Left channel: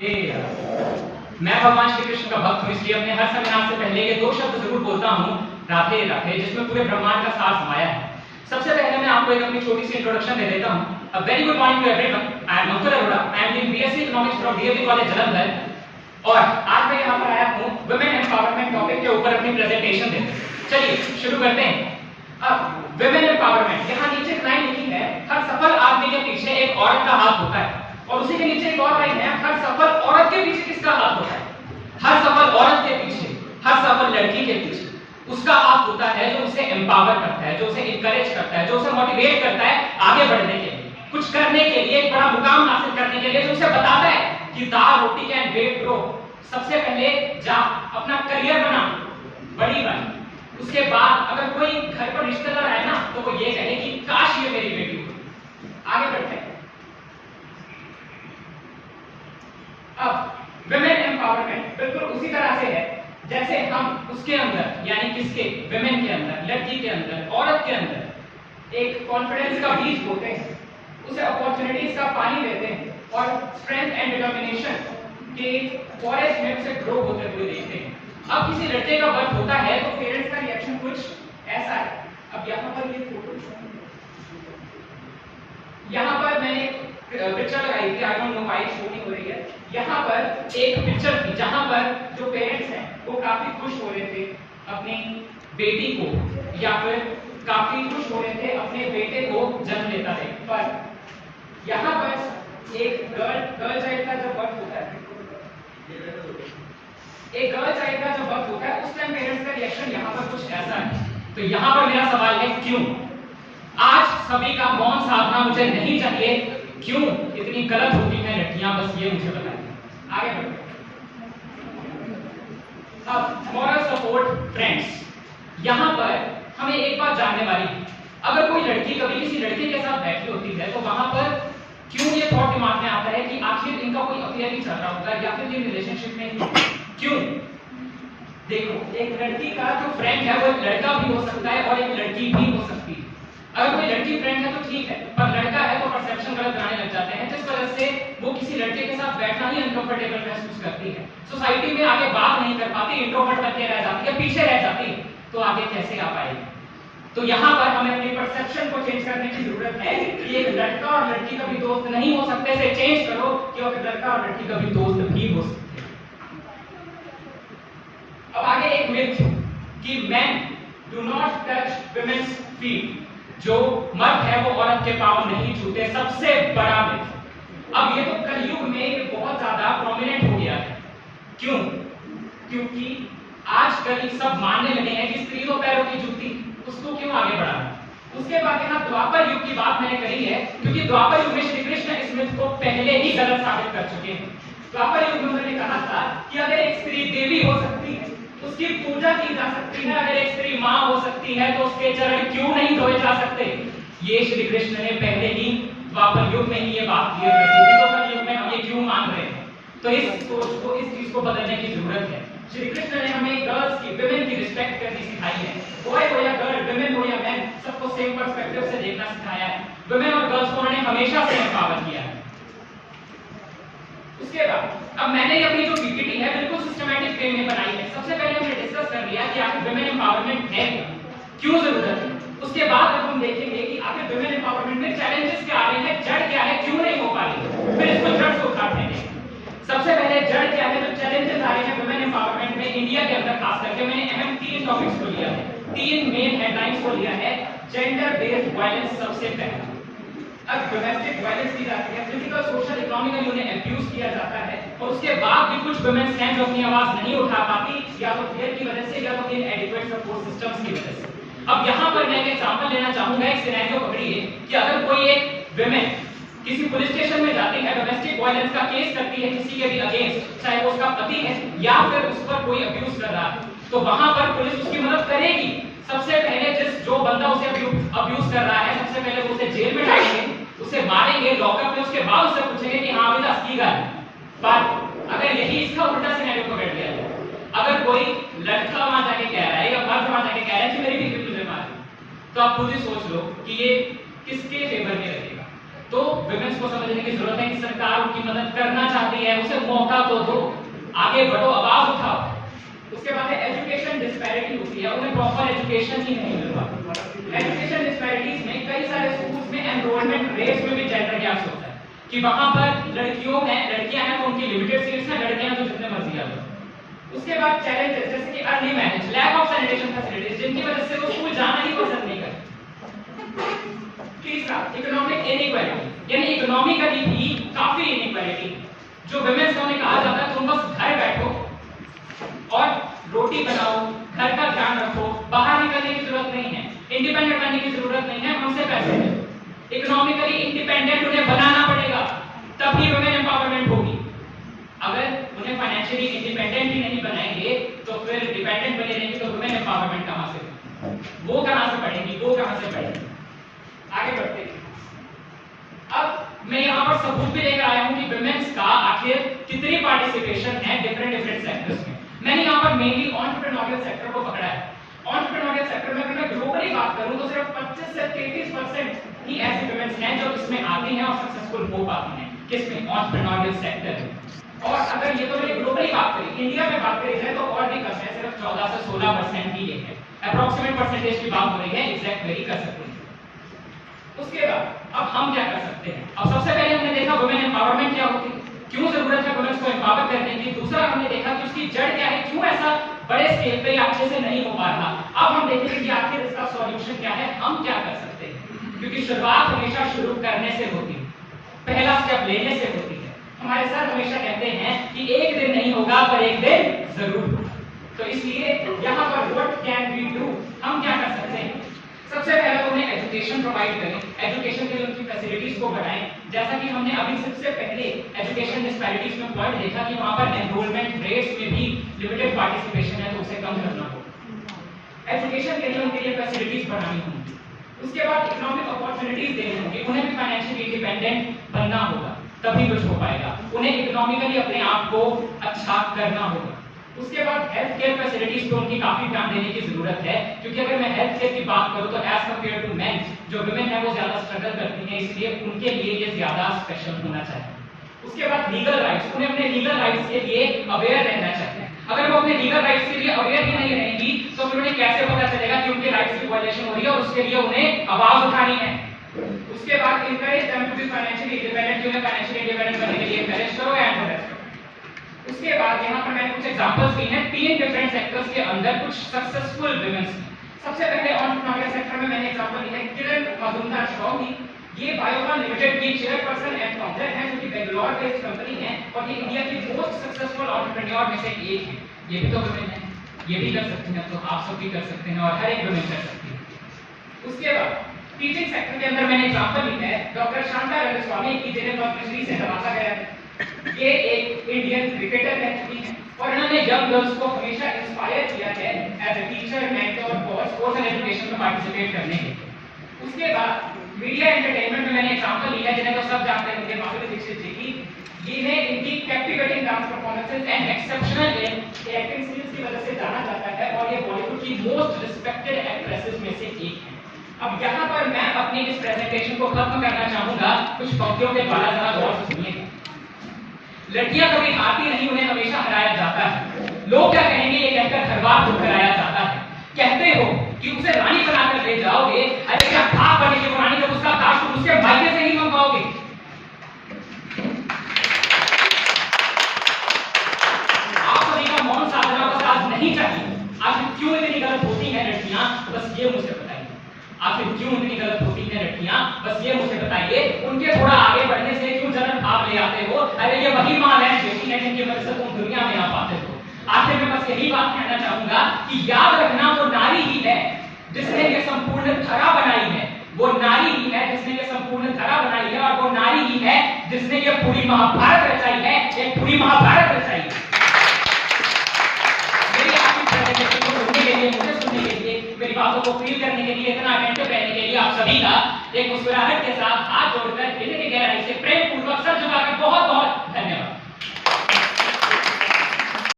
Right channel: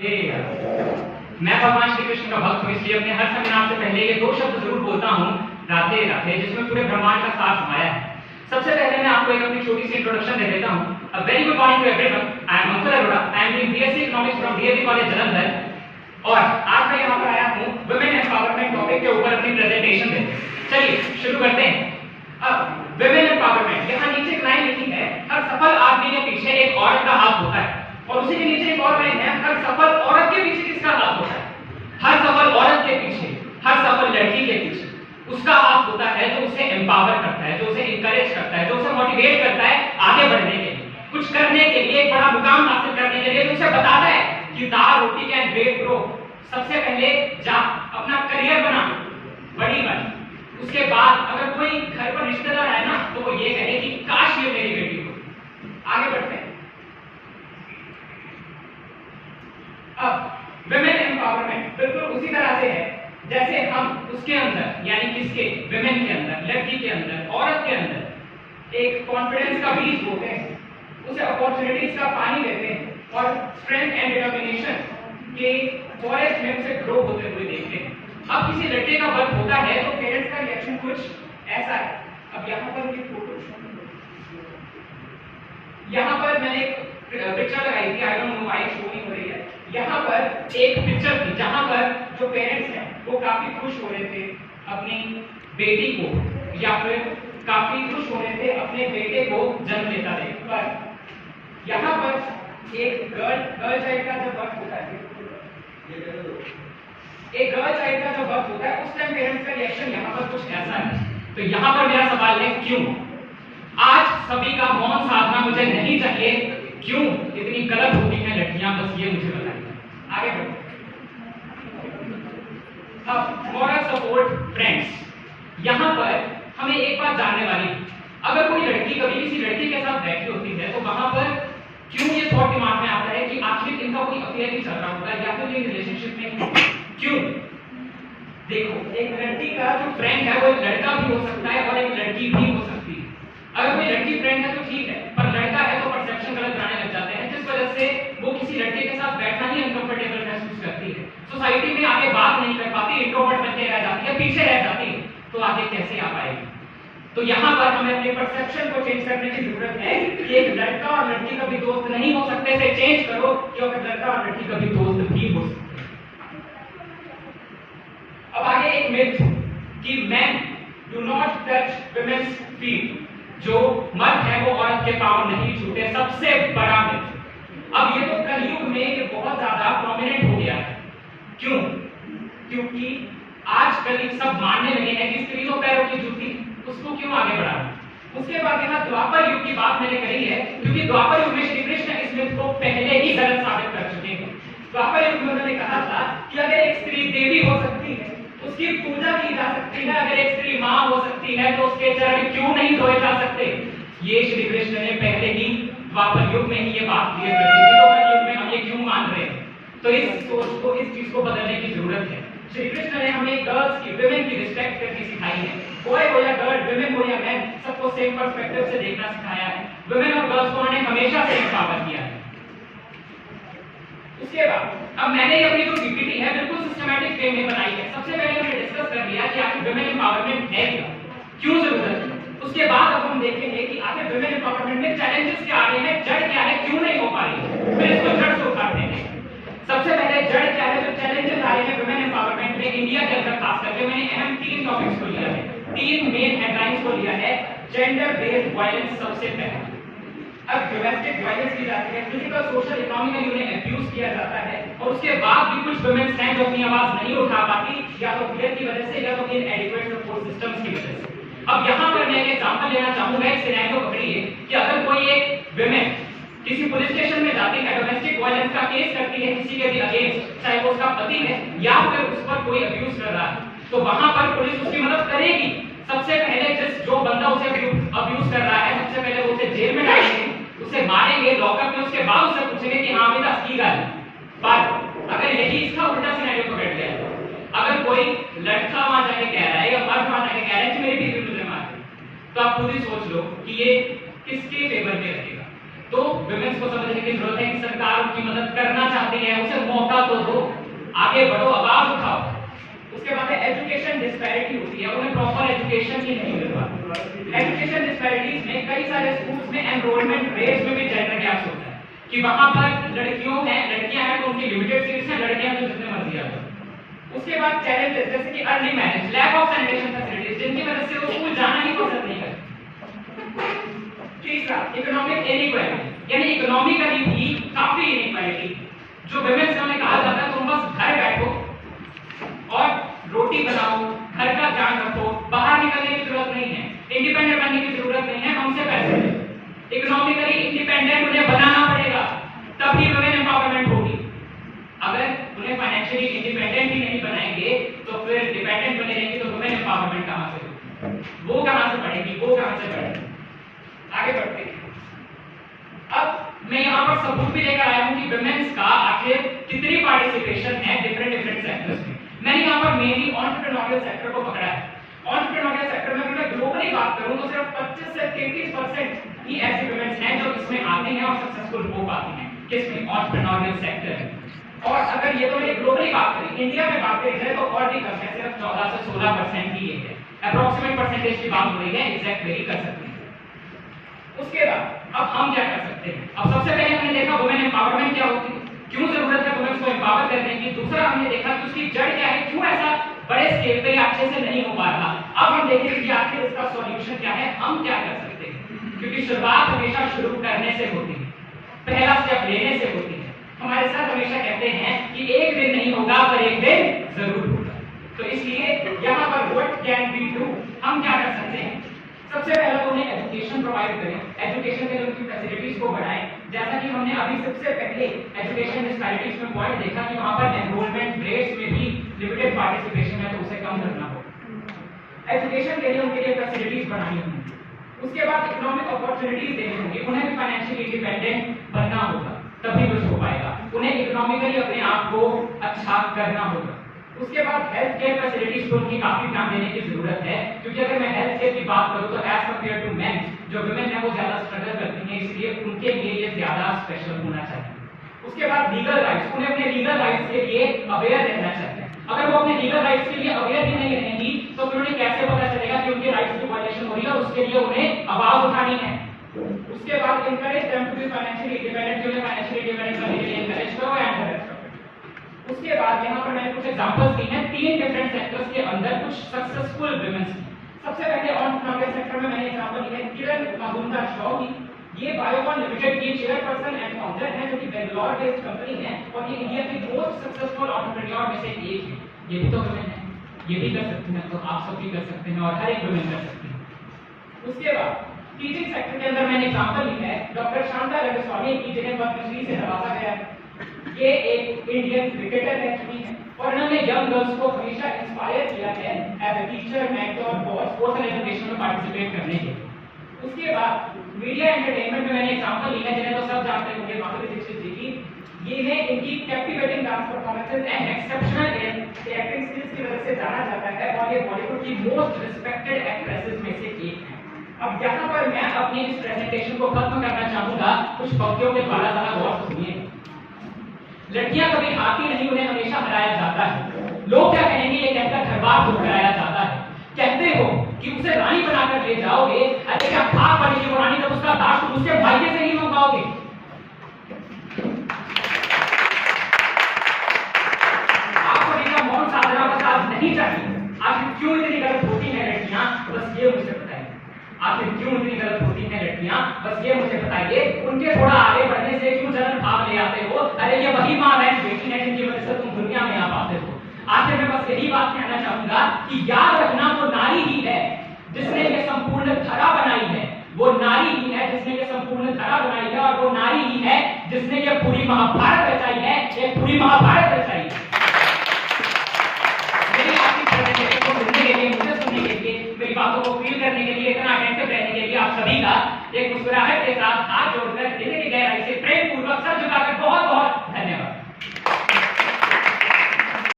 मैं भगवान श्री कृष्ण का भक्त हूँ, इसलिए अपने हर सेमिनार से पहले ये दो शब्द जरूर बोलता हूँ, राधे राधे, जिसमें पूरे ब्रह्मांड का सार समाया है। सबसे पहले मैं आपको एक अपनी छोटी सी इंट्रोडक्शन दे देता हूँ। A very good morning to everyone. I am Ankur Arora. I am doing BSc economics from DAV college Jalandhar, और आज मैं यहाँ पर आया हूँ वुमेन एम्पावरमेंट टॉपिक के ऊपर अपनी प्रेजेंटेशन देने। चलिए शुरू करते हैं। अब वुमेन एम्पावरमेंट, यहाँ नीचे एक लाइन लिखी है, हर सफल आदमी के पीछे एक औरत का हाथ होता है, और उसी के नीचे एक और लाइन है, हर सफल औरत के पीछे किसका हाथ होता है? हर सफल औरत के पीछे, हर सफल लड़की के पीछे उसका हाथ होता है जो उसे एम्पावर करता है, जो उसे इंकरेज करता है, जो उसे मोटिवेट करता है आगे बढ़ने के लिए, कुछ करने के लिए, एक बड़ा मुकाम हासिल करने के लिए, जो उसे बताता है कि दाल रोटी कैन वेट ब्रो। सबसे पहले जा अपना करियर बना, बड़ी बन, उसके बाद अगर कोई घर पर रिश्तेदार आए ना तो वो ये कहे कि काश ये मेरी बेटी हो। आगे बढ़ते हैं। अब विमेन एम्पावरमेंट बिल्कुल उसी तरह से है जैसे हम उसके अंदर, यानी किसके, विमेन के अंदर, लड़की के अंदर, औरत के अंदर एक कॉन्फिडेंस का बीज बोते हैं, उसे अपॉर्चुनिटीज का पानी देते हैं, और स्ट्रेंथ एंड डिटर्मिनेशन के फॉरेस्ट में उसे ग्रो होते हुए देखते हैं। अब किसी लड़के का बर्थ होता है तो पेरेंट्स का रिएक्शन कुछ ऐसा है। अब यहाँ पर ये फोटो, यहाँ पर मैंने एक पिक्चर लगाई थी, I don't know why show नहीं हो रही है। यहाँ पर एक पिक्चर थी जहाँ पर जो पेरेंट्स हैं वो काफी खुश हो रहे थे अपनी बेटी को, या फिर काफी खुश हो रहे थे अपने बेटे को जन्म लेता देख। पर यहाँ पर एक गर्ल चाइल्ड का जब बर्थ होता है, एक गर्ल चाइल्ड का जब बर्थ होता है, उस टाइम पेरेंट्स का रिएक्शन यहाँ पर कुछ ऐसा है। तो यहाँ पर मेरा सवाल है, क्यों? आज सभी का मौन साधना मुझे नहीं चाहिए, क्यों इतनी गलत होती हैं लड़कियां, बस ये मुझे बताइए। आगे बढ़ो। अब मॉरल सपोर्ट फ्रेंड्स, यहाँ पर हमें एक बात जानने वाली है, अगर कोई लड़की कभी किसी लड़के के साथ बैठी होती है तो वहां पर क्यों ये थॉट दिमाग में आता है कि आखिर इनका कोई अफेयर ही चल रहा होता है, या फिर ये रिलेशनशिप में क्यों? देखो, एक लड़की का जो फ्रेंड है वो लड़का भी हो सकता है और एक लड़की भी हो सकती है। अगर कोई लड़की फ्रेंड है तो ठीक है, पर लड़का है तो परसेप्शन गलत बनाने लग जाते हैं, जिस वजह से वो किसी लड़के के साथ बैठना ही अनकंफर्टेबल महसूस करती है, सोसाइटी में आगे बात नहीं कर पाती, इंट्रोवर्ट बनके रह जाती है, पीछे रह जाती है, तो आगे कैसे आ पाएगी? तो यहाँ पर हमें अपने परसेप्शन को चेंज करने की जरूरत है कि एक लड़का और लड़की कभी दोस्त नहीं हो सकते, इसे चेंज करो कि एक लड़का और लड़की कभी दोस्त भी हो सकते हैं। अब आगे एक मिथ कि men do not touch women's feet, जो मर्द है वो औरत के पांव नहीं छूते, सबसे बड़ा मिथ। अब ये तो कलयुग में ये बहुत ज्यादा प्रोमिनेंट हो गया है। क्यों? क्योंकि आजकल सब मानने लगे हैं कि स्त्रियों पैरों की जूती, उसको क्यों आगे बढ़ाना। उसके बाद यहाँ द्वापर युग की बात मैंने कही है, क्योंकि द्वापर युग में श्री कृष्ण इस मिथ को पहले ही गलत साबित कर चुके हैं। द्वापर युग में उन्होंने कहा था कि अगर एक स्त्री देवी हो सकती है, उसकी पूजा की जा सकती है, अगर एक स्त्री मां हो सकती है तो उसके चरण क्यों नहीं धोए जा सकते। ये श्री कृष्ण ने पहले ही द्वापर युग में ही ये बात क्लियर कर दी थी, तो कलयुग में हम ये क्यों मान रहे हैं? तो इस सोच को, इस चीज को बदलने की जरूरत है। श्री कृष्ण ने हमें गर्ल्स की, विमेन की रिस्पेक्ट करनी सिखाई है। बॉय हो या गर्ल, विमेन हो या मैन, सबको सेम पर्सपेक्टिव से देखना सिखाया है। विमेन और गर्ल्स को उन्होंने हमेशा से एम्पावर किया है। उसके बाद अब मैंने अपनी जो पीपीटी है बिल्कुल सिस्टमैटिक वे में बनाई है। सबसे पहले हमने डिस्कस कर लिया कि आखिर विमेन एम्पावरमेंट है क्या, क्यों जरूरत है। उसके बाद अब हम देखेंगे कि आखिर विमेन एम्पावरमेंट में चैलेंजेस क्या आ रहे हैं, जड़ क्या है, क्यों नहीं हो पा रही, फिर इसको जड़ से उखाड़ देंगे। सबसे पहले जड़ क्या है, जो चैलेंजेस आ रहे हैं विमेन एम्पावरमेंट में इंडिया के अंदर खास करके, मैंने अहम 3 टॉपिक्स को लिया है, 3 मेन हेडलाइंस को लिया है। जेंडर बेस्ड वायलेंस सबसे पहले, अब डोमेस्टिक वायलेंस की जाती है, फिजिकल सोशल इकोनॉमिकली उन्हें अब्यूज किया जाता है, और उसके बाद भी कुछ वुमेन्स हैं जो अपनी आवाज नहीं उठा पाती, या तो फियर की वजह से या तो इनएडिक्वेट सपोर्ट सिस्टम्स की वजह से। अब यहाँ पर मैं एक एग्जांपल लेना चाहूंगा, एक सिनेरियो पकड़िए कि अगर कोई एक वुमेन किसी पुलिस स्टेशन में जाती है, डोमेस्टिक वायलेंस का केस करती है किसी के भी अगेंस्ट, चाहे वो उसका पति है या फिर उस पर कोई अब्यूज कर रहा है, तो वहां पर पुलिस उसकी मदद करेगी। सबसे पहले जो बंदा उसे अब्यूज कर रहा है, सबसे पहले वो उसे जेल में डालेंगे, उसे मारेंगे लॉकअप में, उसके बाद उससे पूछेंगे कि हाँ बेटा की गल। पर अगर यही इसका उल्टा सिनेरियो पकड़ लिया, अगर कोई लड़का वहां जाके कह रहा है या मर्द वहां जाके कह रहा है कि मेरी बीवी तुझे मार, तो आप खुद ही सोच लो कि ये किसके फेवर में रहेगा। तो विमेंस को समझने की जरूरत है कि सरकार उनकी मदद करना चाहती है, उसे मौका आगे बढ़ो, आवाज उठाओ। उसके बाद एजुकेशन डिस्पैरिटी होती है, उन्हें प्रॉपर एजुकेशन ही नहीं मिल पाती। एजुकेशन डिस्पैरिटीज में कई सारे स्कूल्स में एनरोलमेंट रेट्स में भी जेंडर गैप्स होता है कि वहां पर लड़कियां हैं तो उनकी लिमिटेड सीट्स हैं, लड़के हैं तो जितने मर्जी आ जाओ। उसके बाद चैलेंजेस जैसे कि early marriage, lack of sanitation facilities, जिनकी वजह से वो स्कूल जाना ही पसंद नहीं करते। तीसरा इकोनॉमिक इनइक्वालिटी, यानी इकोनॉमिकली भी काफी इनइक्वालिटी। जो वुमेन्स हमें कहा जाता है तुम बस घर बैठो और रोटी बनाओ, घर का ध्यान रखो, बाहर निकलने की जरूरत नहीं है, इंडिपेंडेंट बनने की जरूरत नहीं है, हमसे पैसे ले। इकोनॉमिकली इंडिपेंडेंट उन्हें बनाना पड़ेगा, तभी वुमेन एम्पावरमेंट होगी। अगर उन्हें फाइनेंशियली इंडिपेंडेंट ही नहीं बनाएंगे तो फिर डिपेंडेंट बने रहेंगे, तो वुमेन एम्पावरमेंट कहां से होगी? वो कहां से बढ़ेगी, वो कहां से बढ़ेगी? आगे बढ़ते हैं। अब मैं यहाँ पर सबूत भी लेकर आया हूँ कि वुमेन्स का आखिर कितनी पार्टिसिपेशन है डिफरेंट सेक्टर्स में। मैंने यहाँ पर मेनली एंटरप्रेन्योरियल सेक्टर को पकड़ा है। एंटरप्रेन्योरियल सेक्टर में अगर मैं ग्लोबली बात करूँ तो सिर्फ 25 से 33% ही ऐसी वुमेन्स हैं जो इसमें आती हैं और सक्सेसफुल हो पाती हैं। किसमें? एंटरप्रेन्योरियल सेक्टर में। और अगर ये तो मैंने ग्लोबली बात करी, इंडिया में बात करी जाए तो और भी कम है, सिर्फ 14 से 16% ही है। अप्रोक्सीमेट परसेंटेज की बात हो रही है, एग्जैक्ट वेरी कर सकते हैं। उसके बाद अब हम क्या कर सकते हैं? अब सबसे पहले हमने देखा वुमेन एम्पावरमेंट क्या होती है, क्यों जरूरत है वुमेन्स को एम्पावर करने की। दूसरा हमने देखा कि उसकी जड़ क्या है, क्यों ऐसा बड़े स्केल पे अच्छे से नहीं हो पा रहा। अब हम देखेंगे कि आखिर इसका सॉल्यूशन क्या है, हम क्या कर सकते हैं। क्योंकि शुरुआत हमेशा शुरू करने से होती है, पहला स्टेप लेने से होती है। हमारे साथ हमेशा कहते हैं कि एक दिन नहीं होगा पर एक दिन जरूर होगा। तो इसलिए यहाँ पर व्हाट कैन वी डू, हम क्या कर सकते हैं? सबसे पहले तो उन्हें एजुकेशन प्रोवाइड करें, एजुकेशन के लिए उनकी फैसिलिटीज को बढ़ाएं। जैसा कि हमने अभी सबसे पहले एजुकेशन डिस्पैरिटीज में पॉइंट देखा कि वहां पर एनरोलमेंट रेट्स में भी लिमिटेड पार्टिसिपेशन है, तो उसे कम करना होगा। एजुकेशन के लिए उनके लिए फैसिलिटीज बढ़ानी होंगी। उसके बाद इकोनॉमिक अपॉर्चुनिटीज देनी होंगी, उन्हें भी फाइनेंशियली इंडिपेंडेंट बनना होगा, तभी कुछ हो पाएगा। उन्हें इकोनॉमिकली अपने आप को अच्छा करना होगा। उसके बाद हेल्थ केयर फैसिलिटीज पे उनकी काफी ध्यान देने की जरूरत है, क्योंकि अगर मैं हेल्थ केयर की बात करूं तो एज कंपेयर टू मेन, जो वुमेन है वो ज्यादा स्ट्रगल करती हैं, इसलिए उनके लिए ये ज्यादा स्पेशल होना चाहिए। उसके बाद लीगल राइट्स, उन्हें अपने लीगल राइट्स के लिए अवेयर रहना चाहिए। अगर वो अपने लीगल राइट्स के लिए अवेयर ही नहीं रहेंगी तो फिर उन्हें कैसे पता चलेगा कि उनके राइट्स की वायलेशन हो रही है, और उसके लिए उन्हें आवाज उठानी है। उसके बाद encourage them to be financially independent, उन्हें फाइनेंशियली इंडिपेंडेंट बनने के लिए एनकरेज करो एंड हेल्प करो। उसके बाद यहाँ पर मैंने कुछ एग्जांपल्स दी हैं 3 डिफरेंट सेक्टर्स के अंदर कुछ सक्सेसफुल वुमेन्स। सबसे पहले एंटरप्रेन्योरियल सेक्टर में मैंने एग्जांपल दी है किरण मजुमदार-शॉ की। ये बायोकॉन लिमिटेड की चेयरपर्सन एंड फाउंडर हैं, जो कि बेंगलोर बेस्ड कंपनी है और ये इंडिया की मोस्ट सक्सेसफुल एंटरप्रेन्योर में से एक है। ये भी तो वुमेन है, ये भी कर सकती हैं, तो आप सब भी कर सकते हैं और हर एक वुमेन कर सकती है। उसके बाद टीचिंग सेक्टर के अंदर मैंने एग्जांपल ली है डॉक्टर शांता रंगस्वामी की, जिन्हें पद्मश्री से नवाजा गया है। ये एक इंडियन क्रिकेटर रह चुकी हैं और इन्होंने यंग गर्ल्स को हमेशा इंस्पायर किया है एज ए टीचर, मेंटर और स्पोर्ट्स एंड एजुकेशन में पार्टिसिपेट करने के लिए। उसके बाद मीडिया एंटरटेनमेंट में मैंने एग्जांपल लिया, जिन्हें तो सब जानते होंगे, माधुरी दीक्षित जी की। ये इनकी captivating dance performances and exceptional acting skills की वजह से जाना जाता है और ये बॉलीवुड की मोस्ट रिस्पेक्टेड एक्ट्रेसेस में से एक है। अब यहाँ पर मैं अपनी इस प्रेजेंटेशन को खत्म करना चाहूंगा कुछ पंक्तियों के द्वारा, जरा गौर से सुनिए। लड़कियां कभी हारती नहीं, उन्हें हमेशा हराया जाता है। लोग क्या कहेंगे ये कहकर दरबार को कराया जाता है। कहते हो कि उसे रानी बनाकर ले जाओगे, अरे क्या भाग बनेगी वो रानी, जब उसका दास तुम उसके भाई से नहीं मंगवाओगे। आपको इनका मौन साधना बस आज नहीं चाहिए। आखिर क्यों इतनी गलत होती हैं लड़कियां, बस ये मुझे बताइए। आखिर क्यों इतनी गलत होती हैं लड़कियां, बस ये मुझे बताइए। उनके थोड़ा आगे बढ़ने से क्यों जलन भाव ले आते हो? अरे ये वही मां बहन बेटी है जिनकी वजह से तुम दुनिया में आ पाते हो। आखिर मैं बस यही बात कहना चाहूंगा कि याद रखना वो नारी ही है जिसने ये संपूर्ण धरा बनाई है, वो नारी ही है जिसने ये संपूर्ण धरा बनाई है, और वो नारी ही है जिसने ये पूरी महाभारत रचाई है, एक पूरी महाभारत रचाई है। मेरी आपकी प्रेजेंटेशन को सुनने के लिए, मुझे सुनने के लिए, मेरी बातों को फील करने के लिए, इतना अटेंटिव रहने के लिए आप सभी का एक मुस्कुराहट के साथ हाथ जोड़कर दिल की गहराई से प्रेम पूर्वक सर झुकाकर बहुत बहुत